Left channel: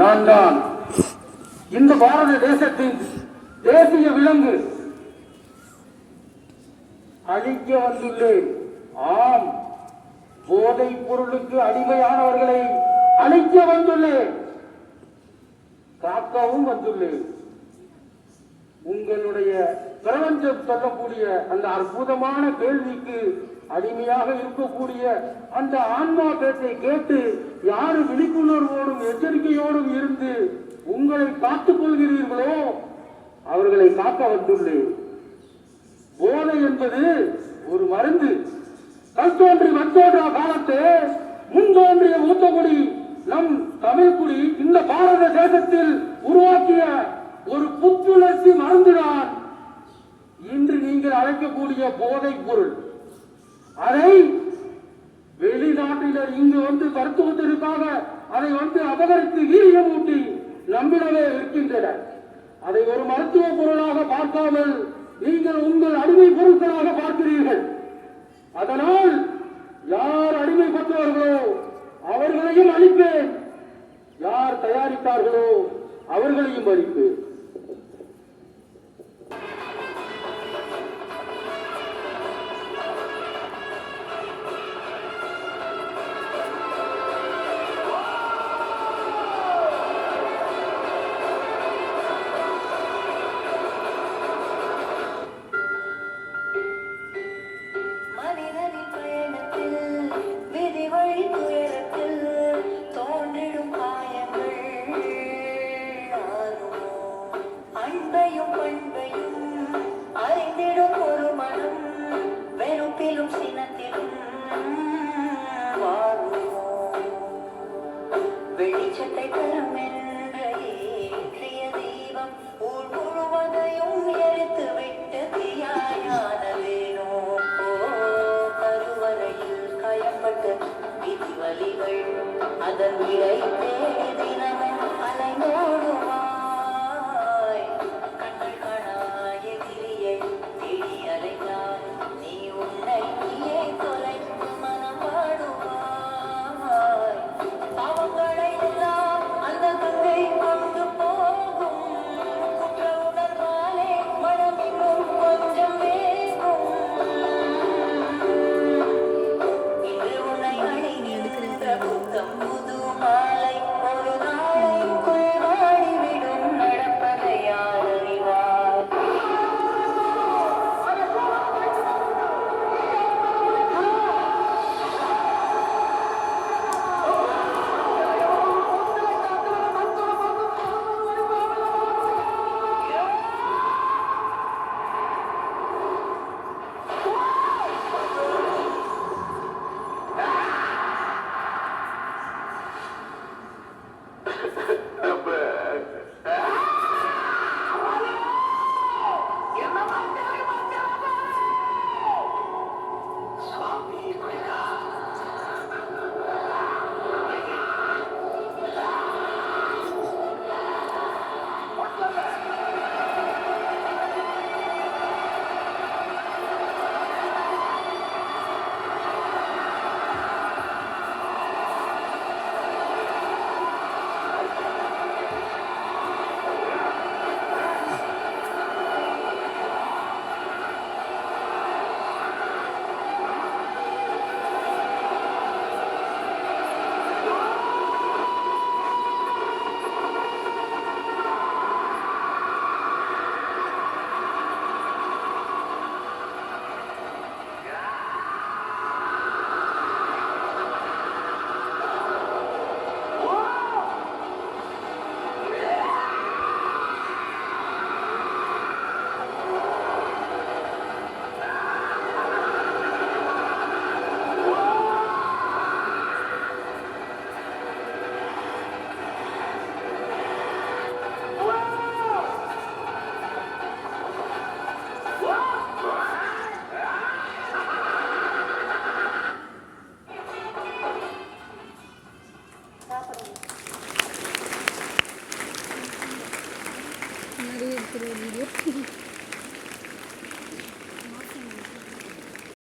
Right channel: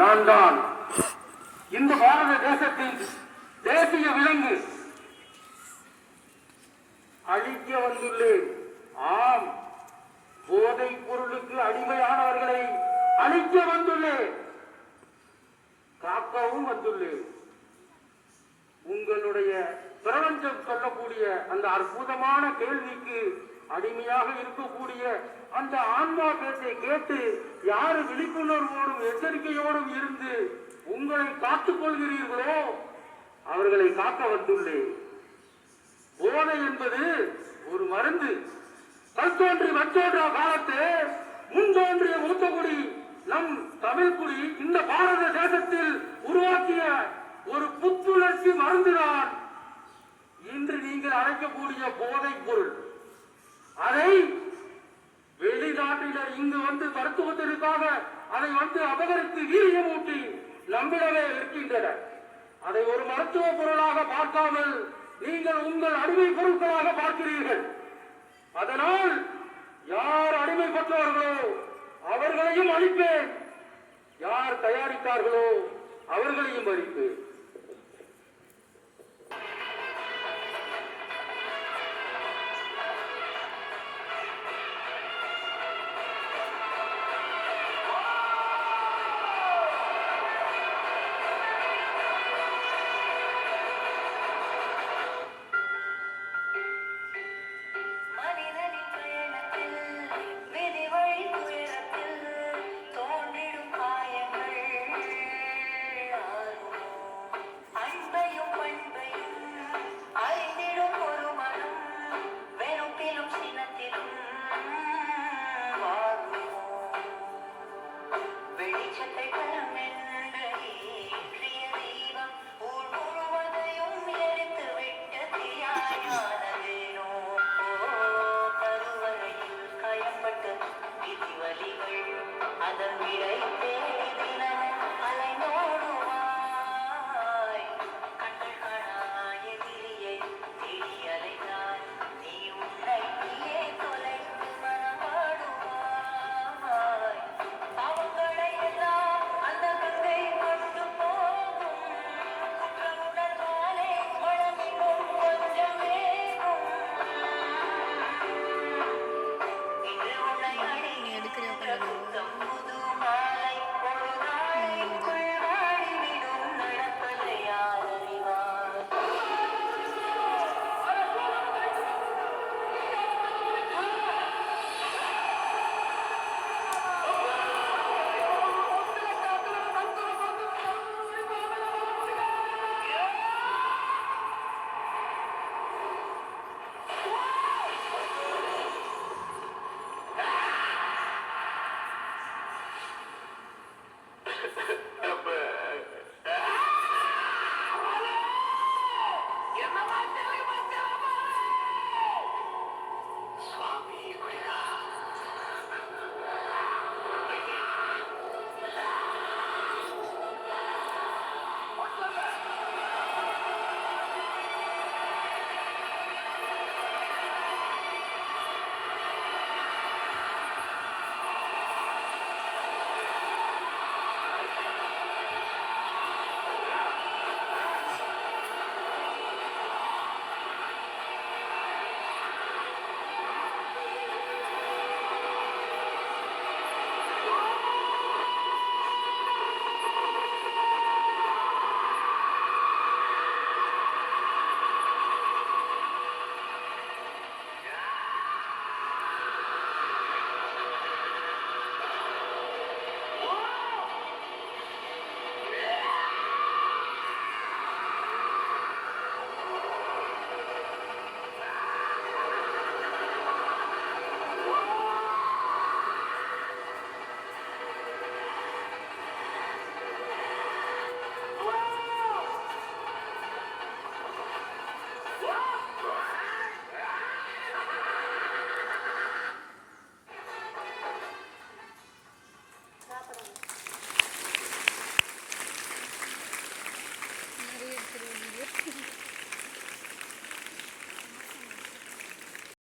நான் தான் இந்த பாரத தேசத்தின் தேசிய விலங்கு. அழிக்க வந்துள்ளேன். ஆம், போதைப் பொருளுக்கு அடிமையானவர்களை அழிக்க வந்துள்ளேன். காக்கவும் வந்துள்ளேன். உங்களுடைய பிரபஞ்சம் சொல்லக்கூடிய அந்த அற்புதமான கேள்விக்கு அடிமையாக இருக்கக்கூடிய அந்த ஆன்மா பேச்சை கேட்டு யாரு விழிப்புணர்வோடும் எச்சரிக்கையோடும் இருந்து உங்களை காத்துக் கொள்கிறீர்களோ அவர்களை காக்க வந்துள்ளேன். போதை என்பது ஒரு மருந்து. கல் தோன்றி மற்றோன்ற காலத்து முன்தோன்றிய மூத்தகுடி நம் தமிழ் குடி இந்த பாரத தேசத்தில் உருவாக்கிய ஒரு புத்துணர்ச்சி மறந்துதான் இன்று நீங்கள் அழைக்கக்கூடிய போதைப் பொருள். அதை வெளிநாட்டினர் இங்கு வந்து மருத்துவத்திற்காக அதை அபகரித்து வீரியமூட்டி நம்மிடமே இருக்கின்றனர். அதை ஒரு மருத்துவ பொருளாக பார்க்காமல் நீங்கள் உங்கள் அடிமை பொருட்களாக பார்க்கிறீர்கள். அதனால் யார் அடிமைப்பட்டவர்களோ அவர்களையும் அழிப்பேன், யார் தயாரித்தார்களோ அவர்களையும் அழிப்பேன். வெளிச்சத்தை தரும் என்ற ஏற்றிய தீபம் ஊர் முழுவதையும் எரித்து விட்டு தீயானதேனோ. கருவறையில் காயப்பட்டு விதி வலிகள் அதன்